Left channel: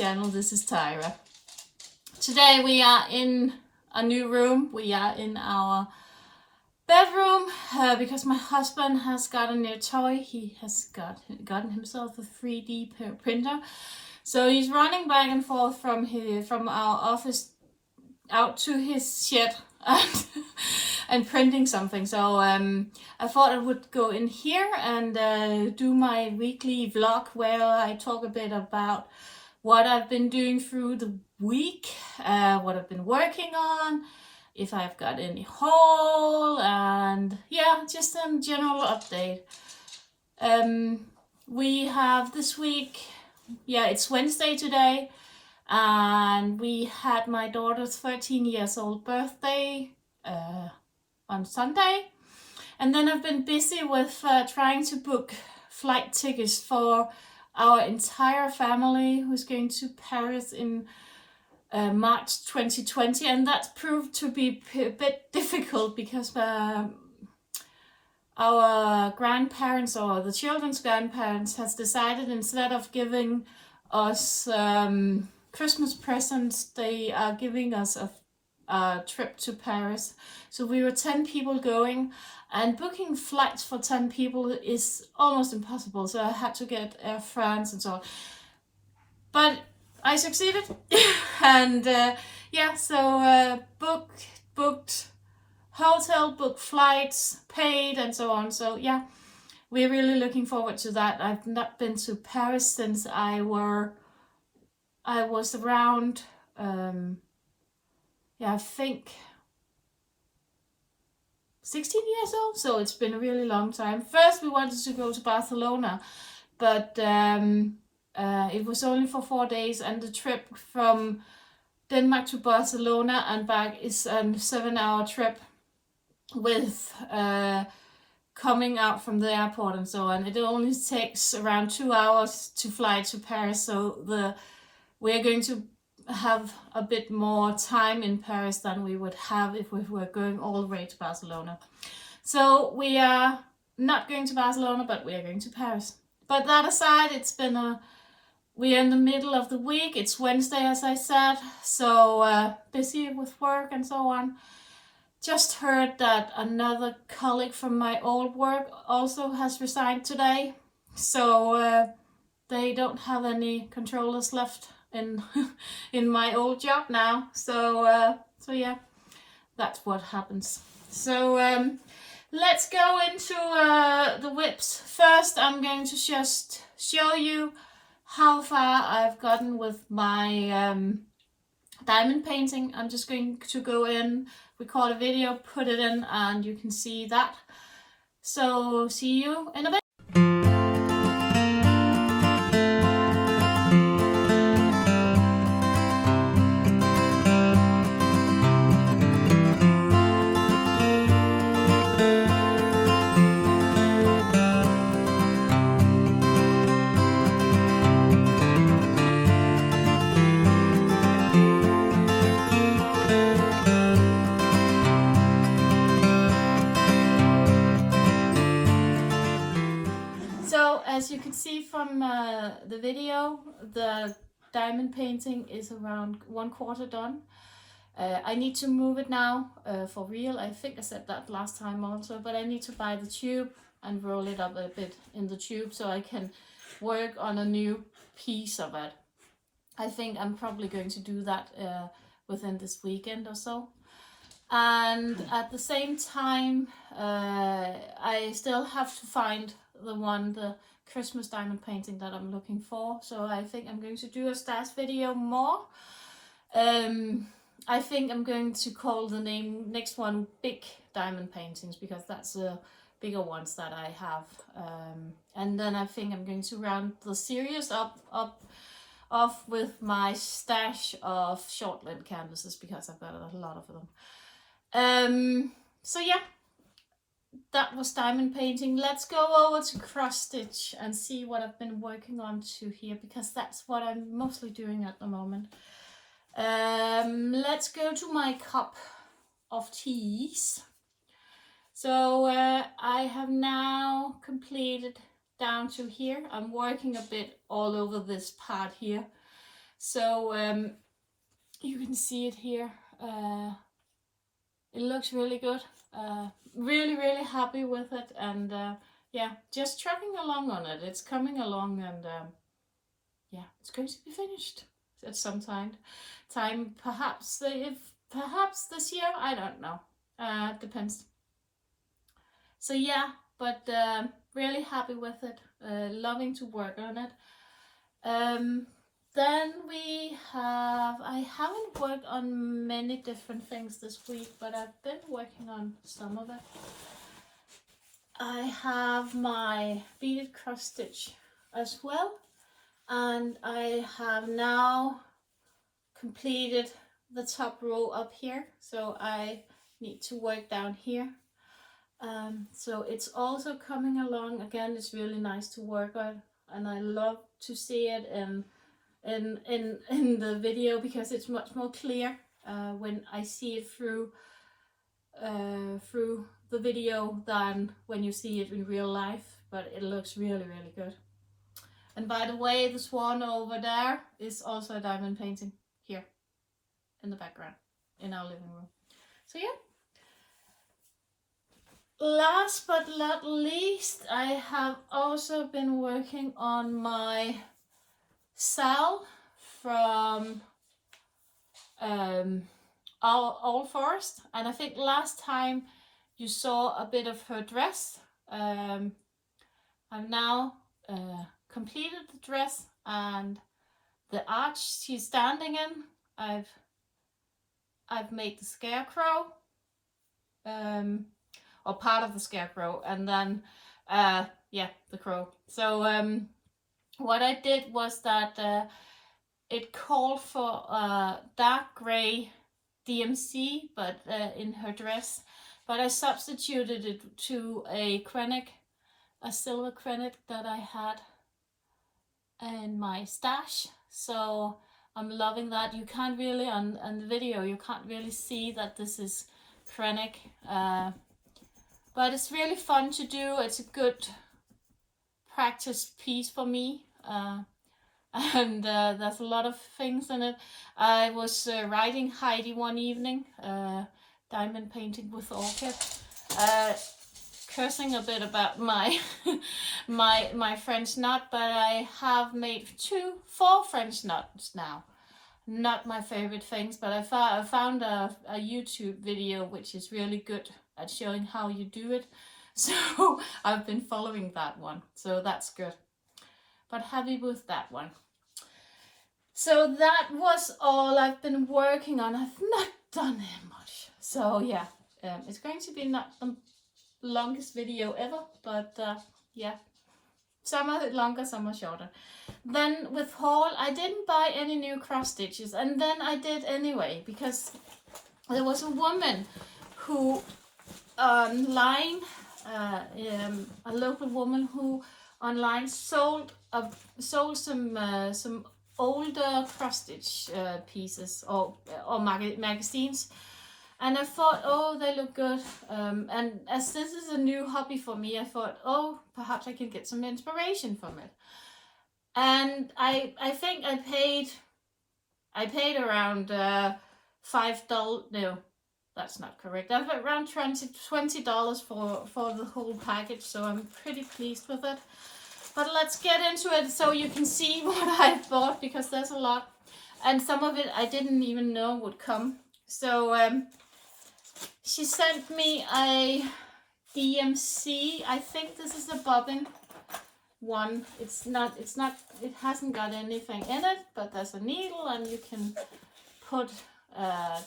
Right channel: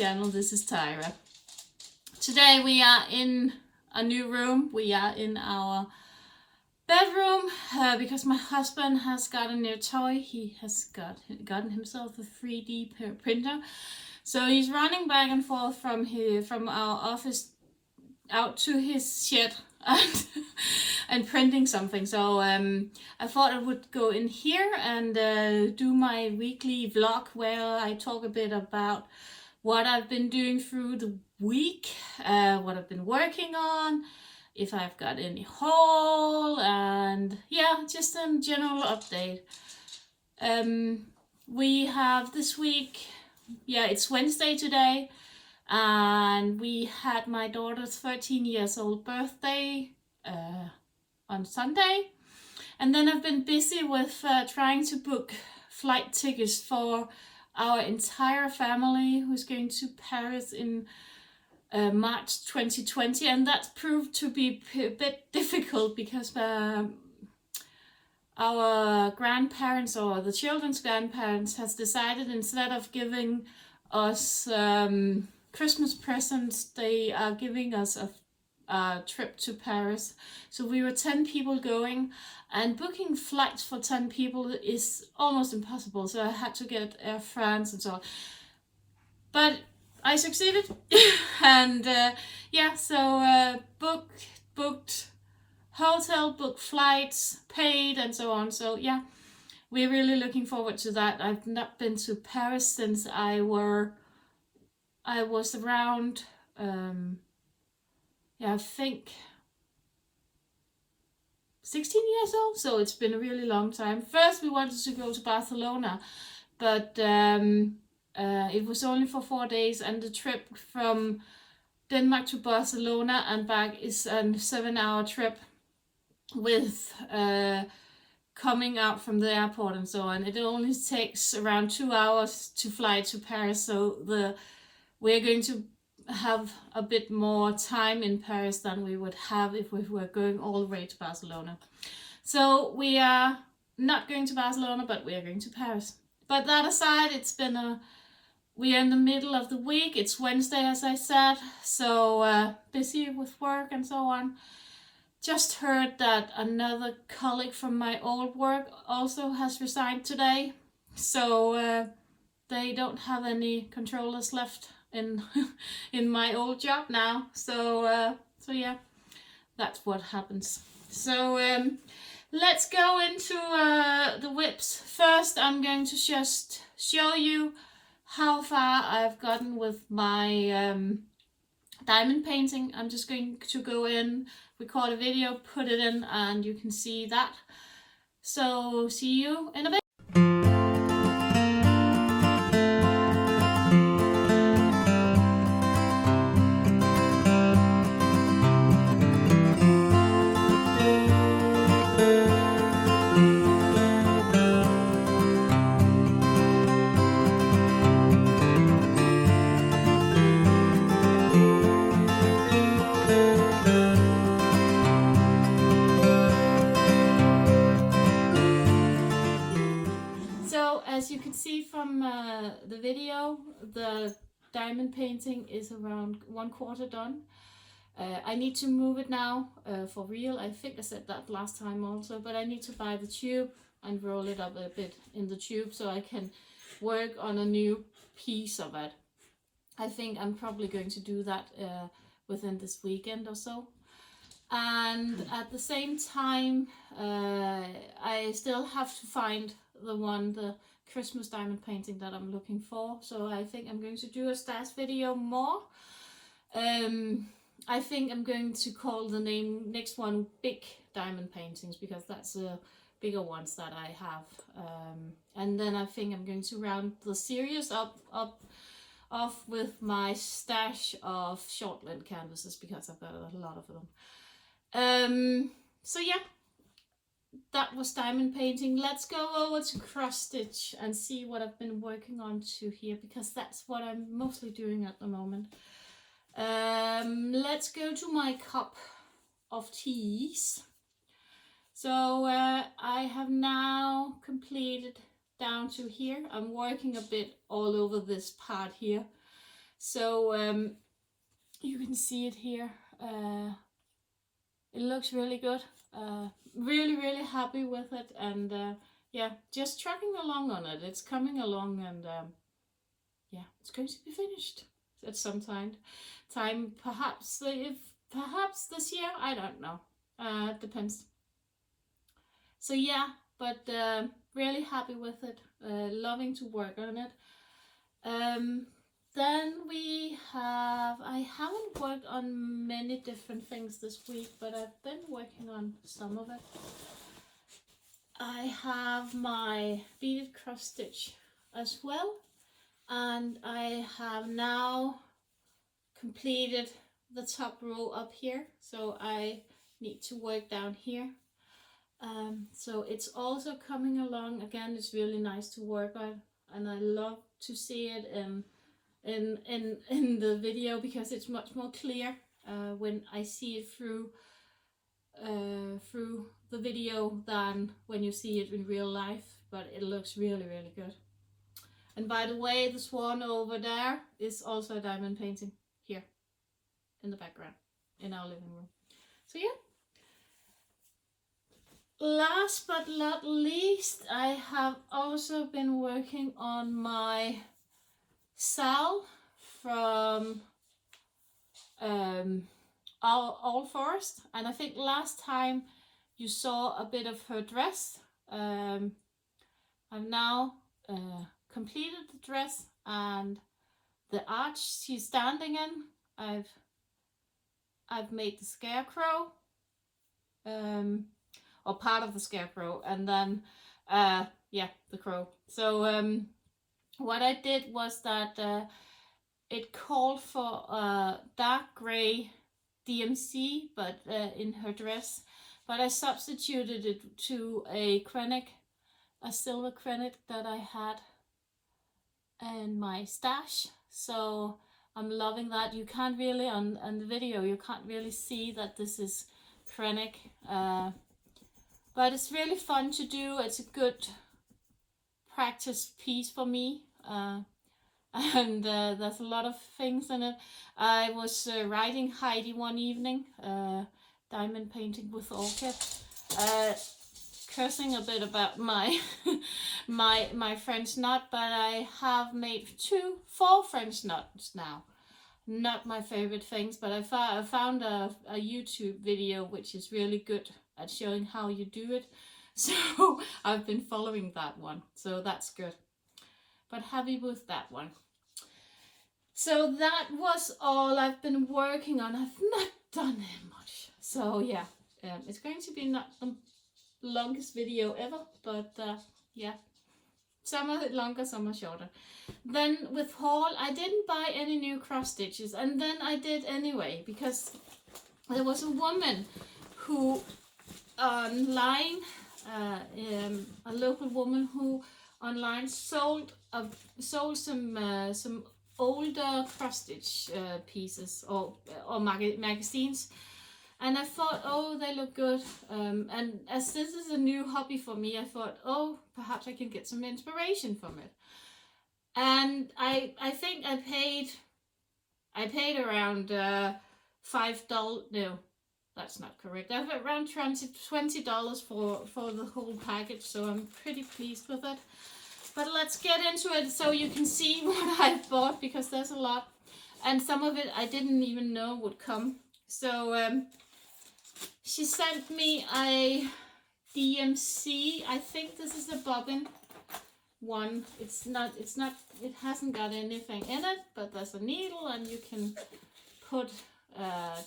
channel. This is Tyra. Today we are in a new room. We are in our bedroom because my husband has got a new toy. He has gotten himself a 3D printer. So he's running back and forth from our office out to his shed and printing something. So I thought I would go in here and do my weekly vlog where I talk a bit about what I've been doing through the week, what I've been working on, if I've got any haul, and yeah, just a general update. We have this week, it's Wednesday today, and we had my daughter's 13 years old birthday on Sunday. And then I've been busy with trying to book flight tickets for our entire family who's going to Paris in March 2020. And that proved to be a bit difficult because our grandparents, or the children's grandparents, has decided instead of giving us Christmas presents, they are giving us a trip to Paris. So we were 10 people going, and booking flights for 10 people is almost impossible. So I had to get Air France and so on. But I succeeded. And booked hotel, booked flights, paid, and so on. So yeah, we're really looking forward to that. I've not been to Paris since I was around, I think 16 years old, so it's been a really long time. First we wanted to go to Barcelona, but it was only for 4 days, and the trip from Denmark to Barcelona and back is a 7-hour trip with coming out from the airport and so on. It only takes around 2 hours to fly to Paris, so we're going to have a bit more time in Paris than we would have if we were going all the way to Barcelona. So we are not going to Barcelona, but we are going to Paris. But that aside, we are in the middle of the week. It's Wednesday, as I said, so busy with work and so on. Just heard that another colleague from my old work also has resigned today. So they don't have any controllers left in my old job now. So yeah, that's what happens. So let's go into the whips. First, I'm going to just show you how far I've gotten with my diamond painting. I'm just going to go in, record a video, put it in, and you can see that. So see you in a bit. As you can see from the video, the diamond painting is around 1/4 done. I need to move it now for real. I think I said that last time also, but I need to buy the tube and roll it up a bit in the tube so I can work on a new piece of it. I think I'm probably going to do that within this weekend or so. And at the same time, I still have to find the Christmas diamond painting that I'm looking for. So I think I'm going to do a stash video more. I think I'm going to call the next one Big Diamond Paintings, because that's the bigger ones that I have. And then I think I'm going to round the series off with my stash of short length canvases, because I've got a lot of them. So yeah, that was diamond painting. Let's go over to cross stitch and see what I've been working on to here, because that's what I'm mostly doing at the moment. Let's go to my cup of teas. So I have now completed down to here. I'm working a bit all over this part here. So you can see it here. It looks really good. Really happy with it, and yeah, just trucking along on it. It's coming along, and yeah, it's going to be finished at some time. Perhaps perhaps this year. I don't know. Depends. So yeah, but really happy with it. Loving to work on it. Then I haven't worked on many different things this week, but I've been working on some of it. I have my beaded cross stitch as well, and I have now completed the top row up here, so I need to work down here. So it's also coming along. Again, it's really nice to work on, and I love to see it in the video, because it's much more clear when I see it through the video than when you see it in real life. But it looks really good. And by the way, the swan over there is also a diamond painting here in the background in our living room. So yeah. Last but not least, I have also been working on my Sal from All Forest, and I think last time you saw a bit of her dress. I've now completed the dress, and the arch she's standing in, I've made the Scarecrow, or part of the Scarecrow, and then yeah, the crow. So what I did was that it called for dark gray DMC, but in her dress, but I substituted it to a silver krennic that I had in my stash. So I'm loving that. You can't really, on the video, you can't really see that this is krennic, but it's really fun to do. It's a good practice piece for me, and there's a lot of things in it. I was writing Heidi one evening, diamond painting with orchid, cursing a bit about my my French knot, but I have made 4 French knots now. Not my favorite things, but I found a YouTube video which is really good at showing how you do it. So I've been following that one, so that's good. But happy with that one. So that was all I've been working on. I've not done that much. So yeah, it's going to be not the longest video ever, but yeah, some are longer, some are shorter. Then with haul, I didn't buy any new cross stitches, and then I did anyway, because there was a woman who online, a local woman who online sold some older cross stitch pieces or magazines, and I thought, oh, they look good, and as this is a new hobby for me, I thought, oh, perhaps I can get some inspiration from it. And I think I paid around $5. No, that's not correct. I paid around $20 for the whole package, so I'm pretty pleased with it. But let's get into it so you can see what I bought, because there's a lot, and some of it I didn't even know would come. So she sent me a DMC. I think this is a bobbin one. It hasn't got anything in it, but there's a needle, and you can put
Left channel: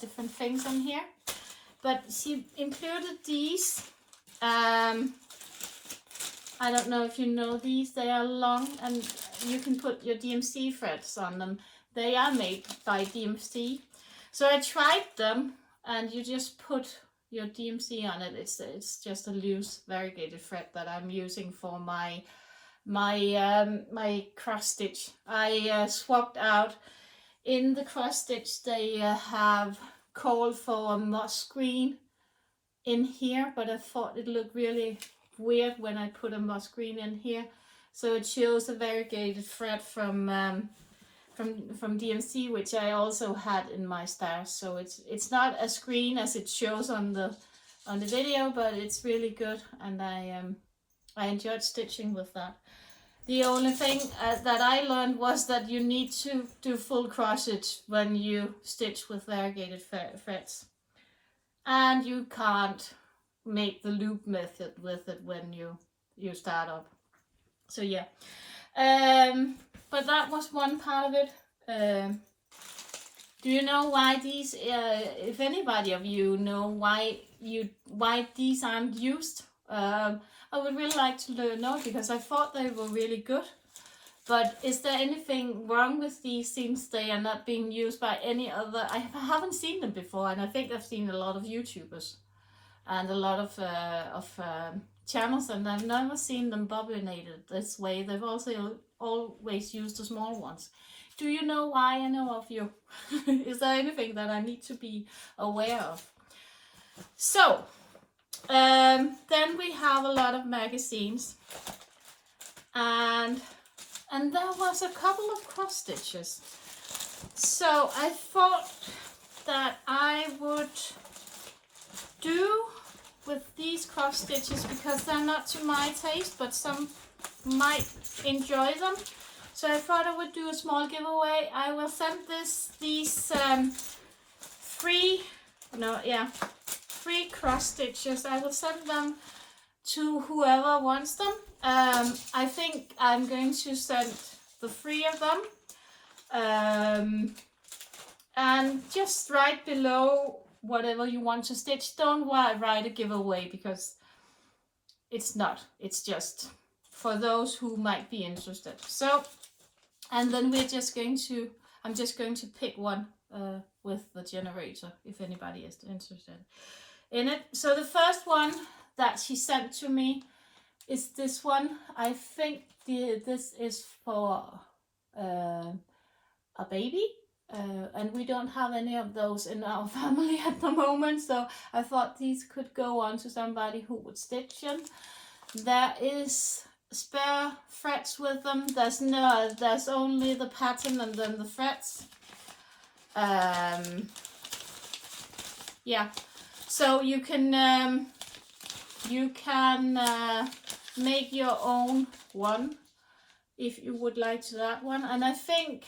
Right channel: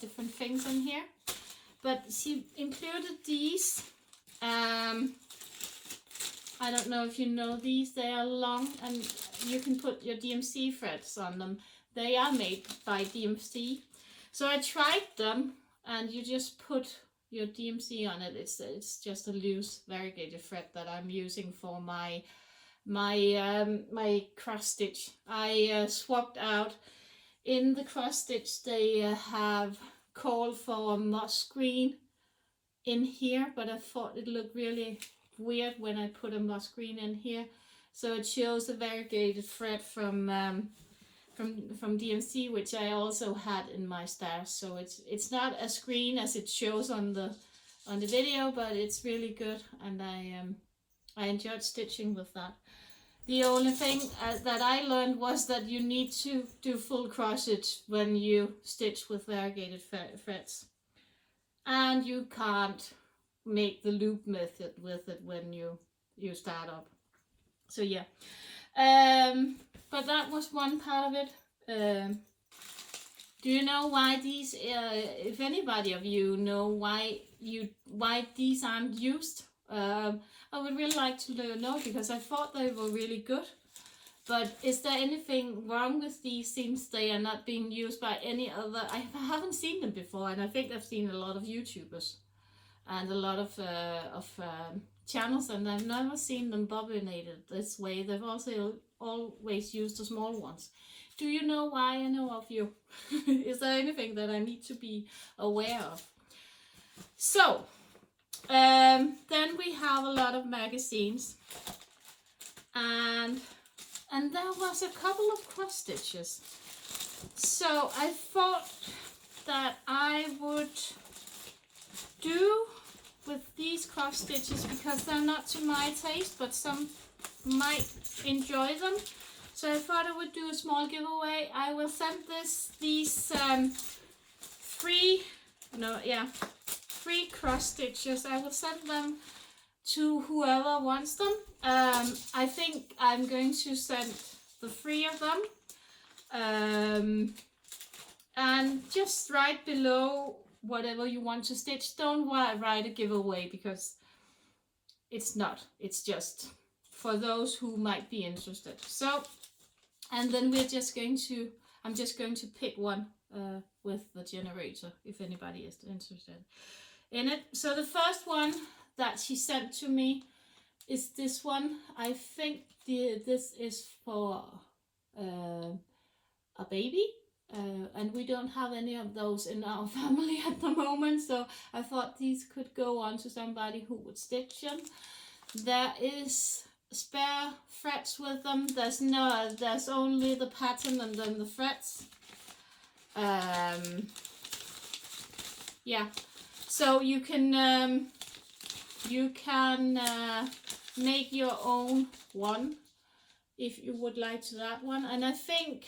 different things in here. But she included these. I don't know if you know these. They are long, and you can put your DMC threads on them. They are made by DMC. So I tried them, and you just put your DMC on it. It's just a loose variegated thread that I'm using for my cross stitch. I swapped out in the cross stitch. They have called for a moss green in here, but I thought it looked really weird when I put a moss green in here. So it shows a variegated thread from from DMC, which I also had in my stash. So it's not as green as it shows on the video, but it's really good, and I enjoyed stitching with that. The only thing that I learned was that you need to do full crossstitch when you stitch with variegated threads, and you can't make the loop method with it when you start up. So yeah, but that was one part of it. Do you know why these? If anybody of you know why these aren't used, I would really like to know, because I thought they were really good. But is there anything wrong with these since they are not being used by any other? I haven't seen them before, and I think I've seen a lot of YouTubers and a lot of channels, and I've never seen them bobbinated this way. They've also always used the small ones. Do you know why? I know of you. Is there anything that I need to be aware of? So, then we have a lot of magazines, and there was a couple of cross stitches. So I thought that I would do with these cross stitches, because they're not to my taste, but some might enjoy them. So I thought I would do a small giveaway. I will send these three cross stitches. I will send them to whoever wants them. I think I'm going to send the 3 of them. And just write below whatever you want to stitch. Don't write a giveaway, because it's not. It's just for those who might be interested. So, and then I'm just going to pick one with the generator, if anybody is interested in it. So the first one that she sent to me is this one. I think this is for a baby, and we don't have any of those in our family at the moment, so I thought these could go on to somebody who would stitch them. There is spare threads with them. There's only the pattern and then the threads. Yeah, so you can make your own one if you would like to that one. And I think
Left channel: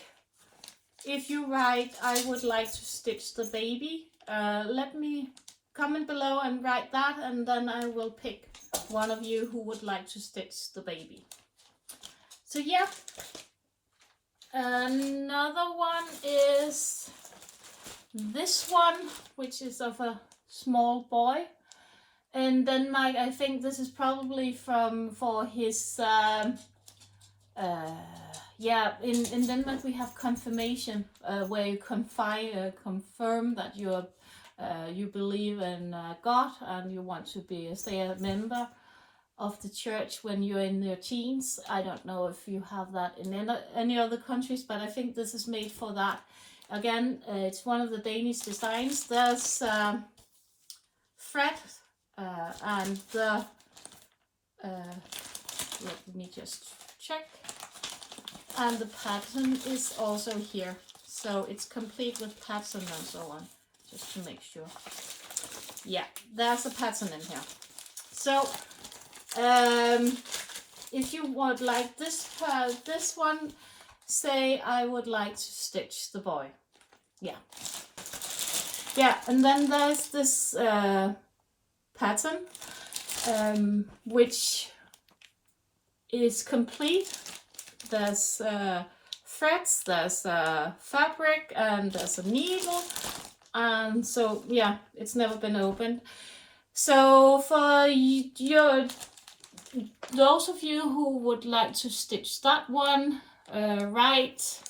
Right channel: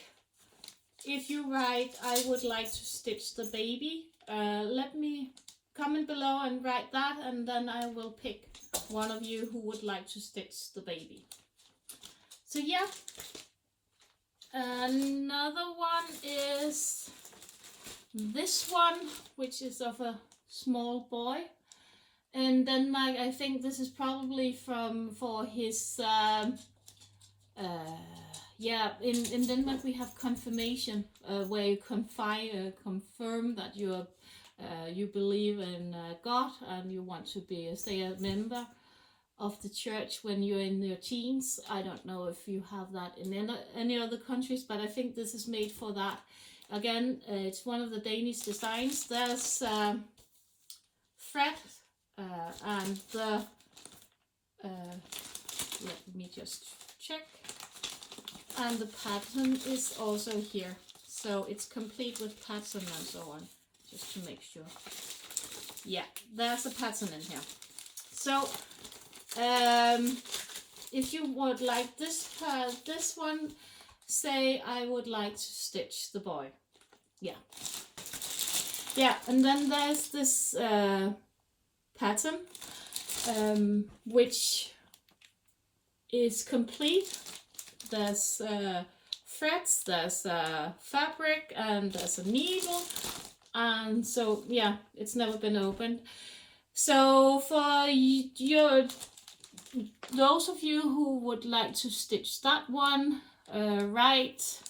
if you write, I would like to stitch the baby, let me comment below and write that, and then I will pick one of you who would like to stitch the baby. So yeah, another one is this one, which is of a small boy in Denmark. I think this is probably for his in Denmark we have confirmation, where you confirm that you believe in God, and you want to stay a member of the church when you're in your teens. I don't know if you have that in any other countries, but I think this is made for that. Again, it's one of the Danish designs. There's thread and the let me just check, and the pattern is also here, so it's complete with pattern and so on, just to make sure. Yeah, there's a pattern in here. So if you would like this one, say I would like to stitch the boy. Yeah, and then there's this pattern, which is complete. There's threads, there's fabric, and there's a needle, and so yeah, it's never been opened. So for those of you who would like to stitch that one, right,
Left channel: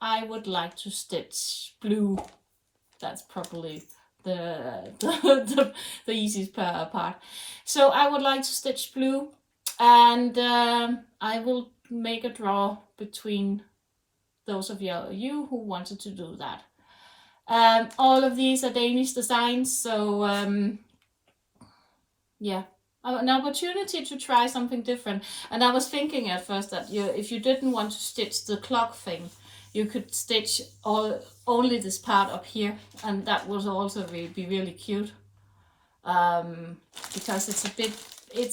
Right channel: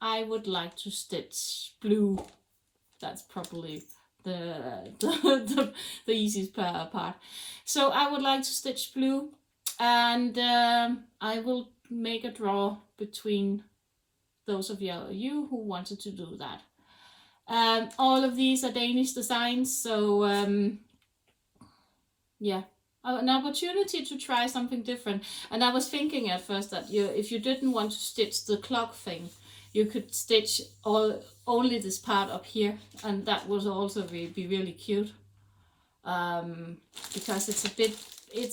I would like to stitch blue. That's probably the easiest part. So I would like to stitch blue, and I will make a draw between those of you who wanted to do that. All of these are Danish designs, so yeah, an opportunity to try something different. And I was thinking at first that if you didn't want to stitch the clock thing, you could stitch only this part up here, and that would also be really cute. Because it's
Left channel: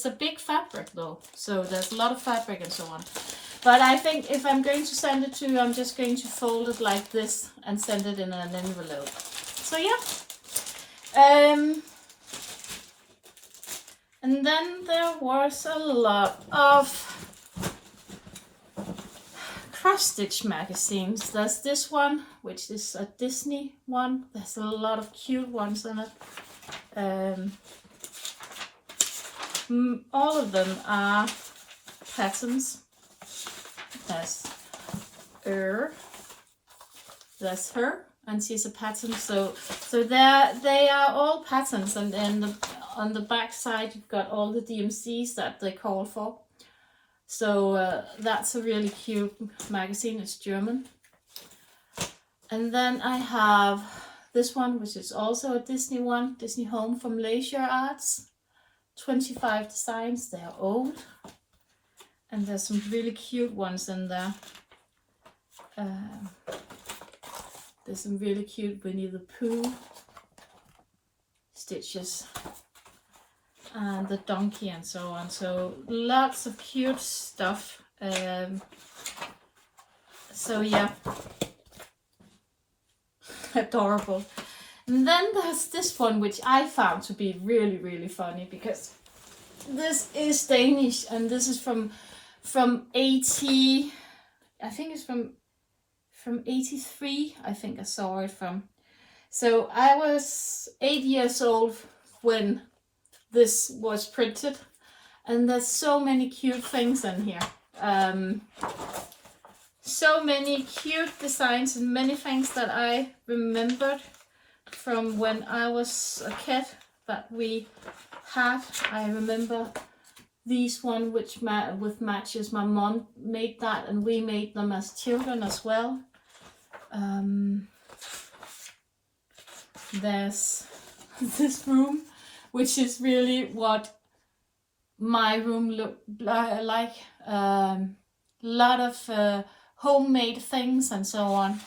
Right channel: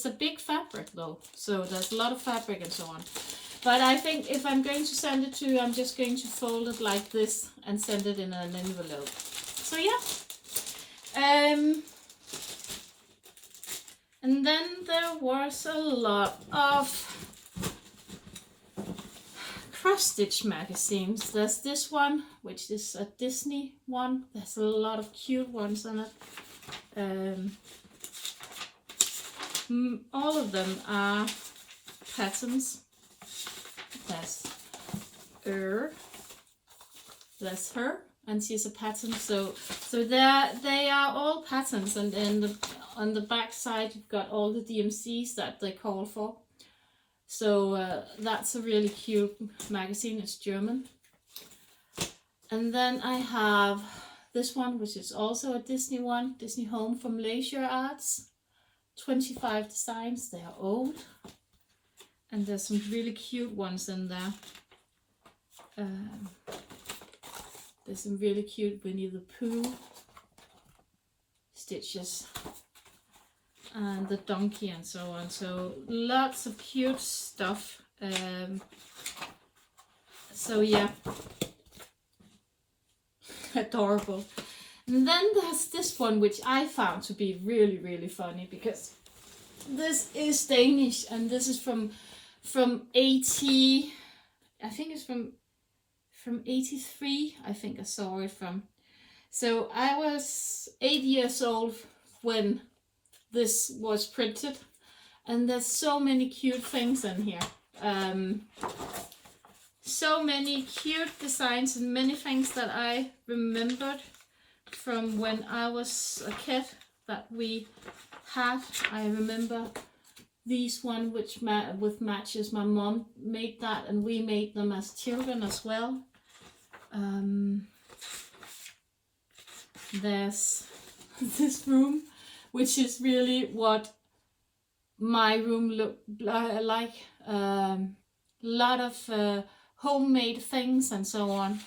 a big fabric though, so there's a lot of fabric and so on. But I think if I'm going to send it to you, I'm just going to fold it like this and send it in an envelope. So yeah. And then there was a lot of cross-stitch magazines. There's this one, which is a Disney one. There's a lot of cute ones on it. All of them are patterns. There's there's her, and she's a pattern. So they are all patterns, and then on the back side you've got all the DMCs that they call for. So that's a really cute magazine. It's German. And then I have this one, which is also a Disney one, Disney Home from Leisure Arts. 25 designs. They are old, and there's some really cute ones in there. There's some really cute Winnie the Pooh stitches and the donkey and so on. So lots of cute stuff. So yeah, adorable. And then there's this one, which I found to be really, really funny, because this is Danish, and this is from 80, I think it's from 83, I think I saw it from. So I was 8 years old when this was printed, and there's so many cute things in here. So many cute designs and many things that I remembered from when I was a kid that we had. I remember these one with matches. My mom made that, and we made them as children as well. There's this room, which is really what my room looked like. Lot of homemade things and so on.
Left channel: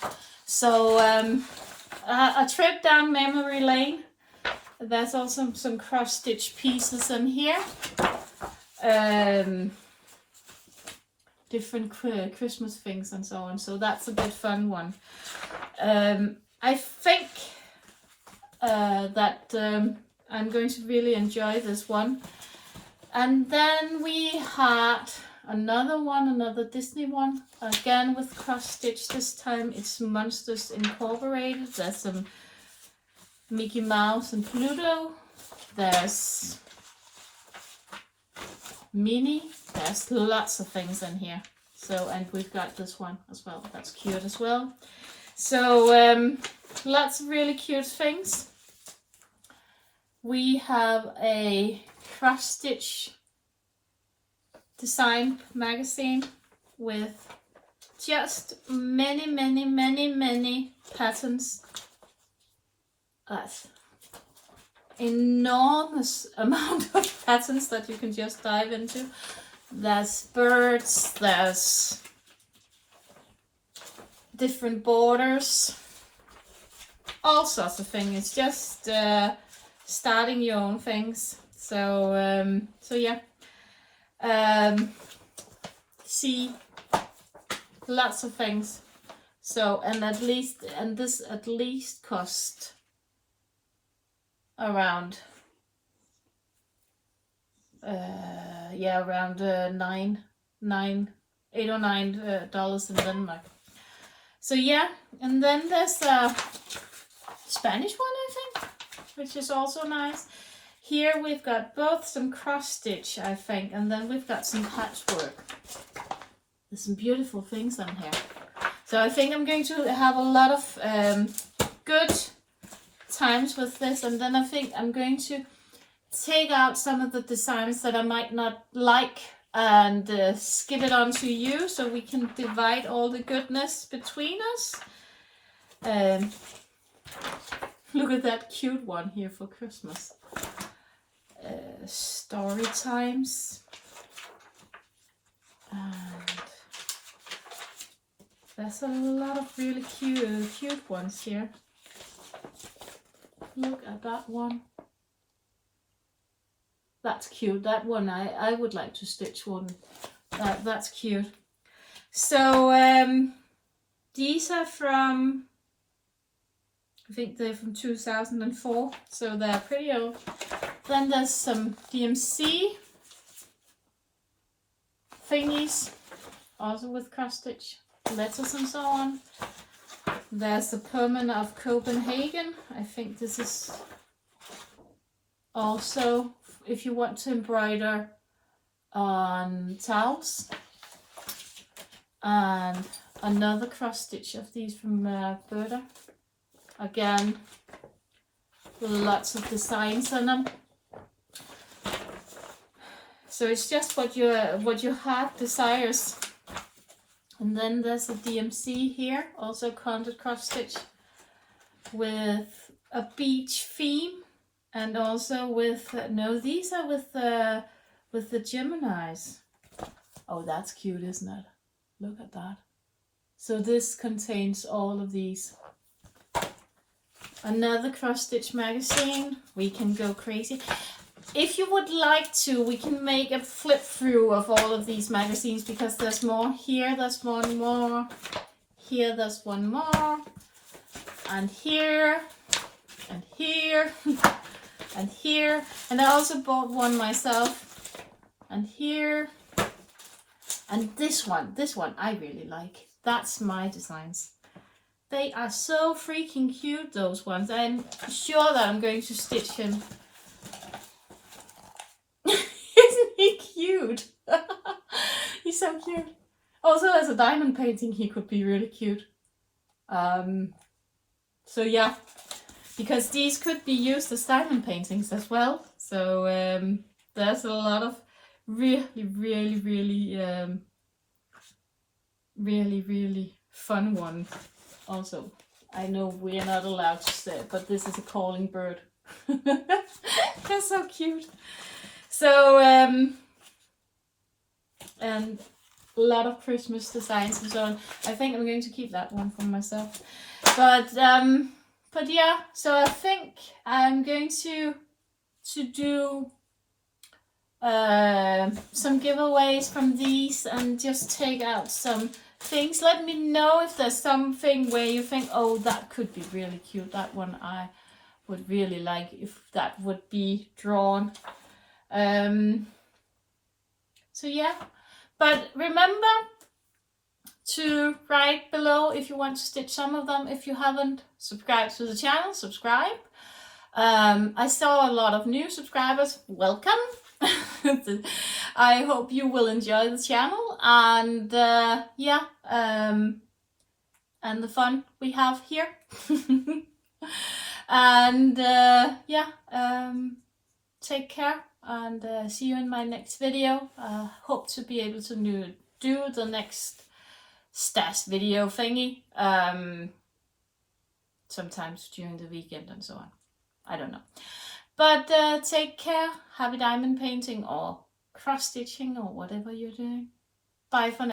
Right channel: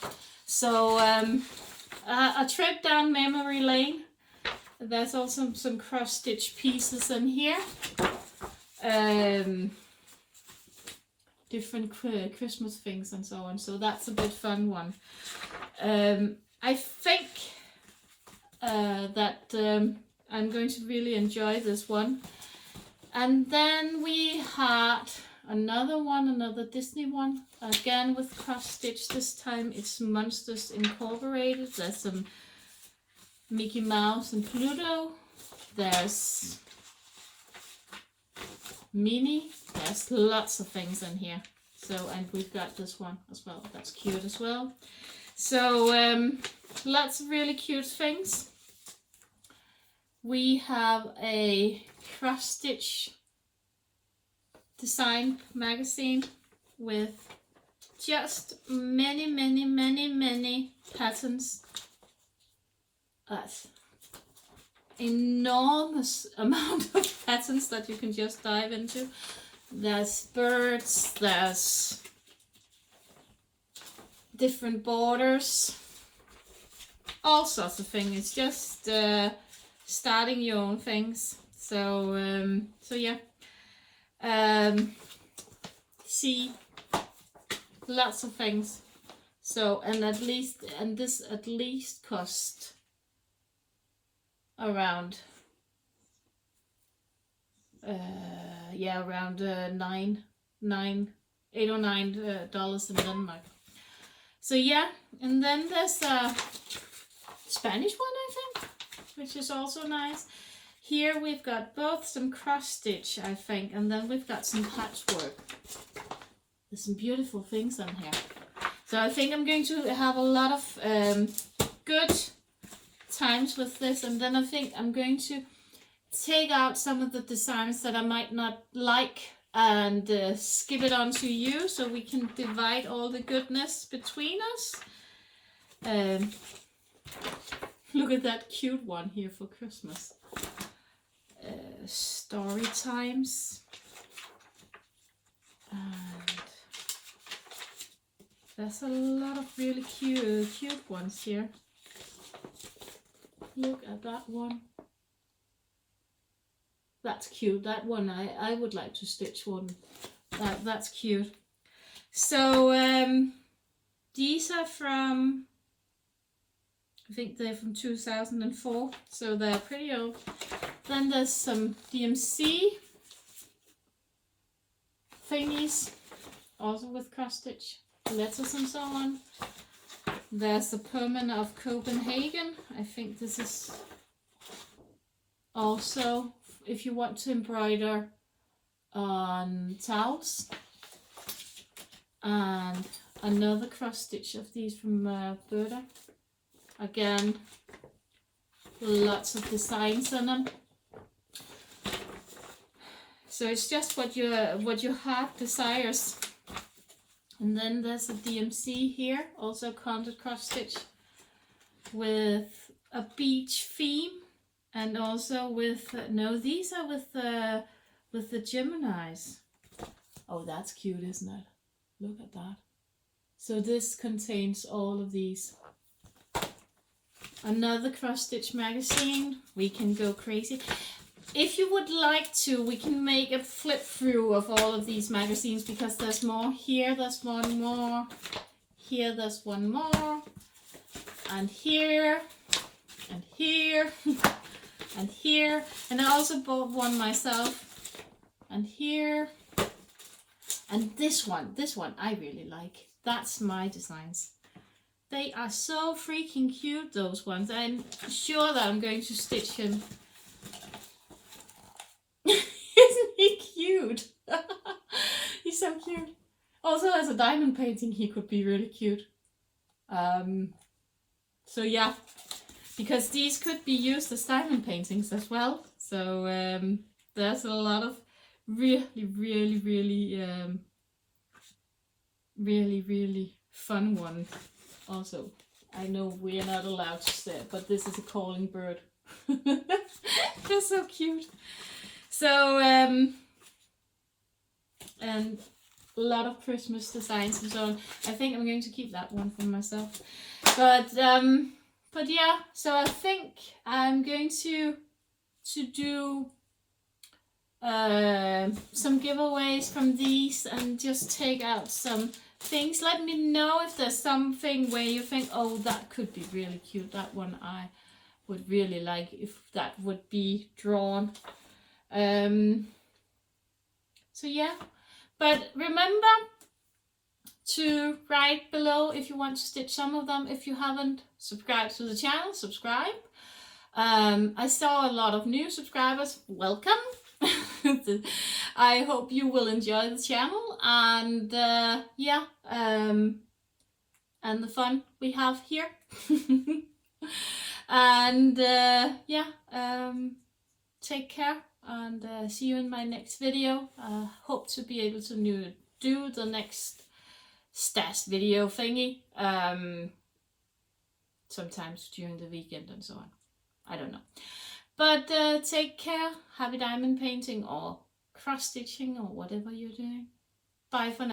So a trip down memory lane. There's also some cross-stitch pieces in here. Different Christmas things and so on. So that's a bit fun one. I think that I'm going to really enjoy this one. And then we had another Disney one, again with cross stitch. This time it's Monsters Incorporated. There's some Mickey Mouse and Pluto. There's Minnie. There's lots of things in here. So, and we've got this one as well. That's cute as well. So lots of really cute things. We have a cross stitch design magazine with just many patterns. Enormous amount of patterns that you can just dive into. There's birds, there's different borders, all sorts of things. It's just starting your own things. So so yeah. See lots of things. So this at least cost around around $8 or $9 in Denmark. So yeah, and then there's a Spanish one, I think, which is also nice. Here we've got both some cross stitch, I think, and then we've got some patchwork. There's some beautiful things on here. So I think I'm going to have a lot of good times with this, and then I think I'm going to take out some of the designs that I might not like and skip it on to you, so we can divide all the goodness between us. Look at that cute one here for Christmas. Story times, and There's a lot of really cute ones here. Look at that one. That's cute. That one I would like to stitch one. That's cute. So these are from, I think they're from 2004, so they're pretty old. Then there's some DMC Thingies, also with cross stitch letters and so on. There's a Permanent of Copenhagen. I think this is also if you want to embroider on towels. And another cross stitch of these from Beaded. Again, lots of designs on them. So it's just what your heart desires. And then there's a DMC here, also content cross stitch with a beach theme, and also with no, these are with the Geminis. Oh, that's cute, isn't it? Look at that. So this contains all of these. Another cross stitch magazine. We can go crazy. If you would like to, we can make a flip through of all of these magazines, because there's more here, there's one more, here there's one more, and here, and here, and here, and I also bought one myself, and here, and this one I really like. That's my designs. They are so freaking cute, those ones. I'm sure that I'm going to stitch him. Isn't he cute? He's so cute. Also, as a diamond painting, he could be really cute. So yeah, because these could be used as diamond paintings as well. So there's a lot of really fun ones. Also, I know we're not allowed to say it, but this is a calling bird. They're so cute. So, and a lot of Christmas designs and so on. I think I'm going to keep that one for myself. But yeah, so I think I'm going to do some giveaways from these and just take out some things. Let me know if there's something where you think, oh, that could be really cute. That one I would really like if that would be drawn. So yeah, but remember to write below if you want to stitch some of them. If you haven't subscribed to the channel, subscribe. I saw a lot of new subscribers. Welcome. I hope you will enjoy the channel, and yeah, and the fun we have here. And yeah, take care, and see you in my next video. Hope to be able to do the next stash video thingy sometimes during the weekend and so on. I don't know. But take care. Happy diamond painting or cross stitching or whatever you're doing. Bye for now.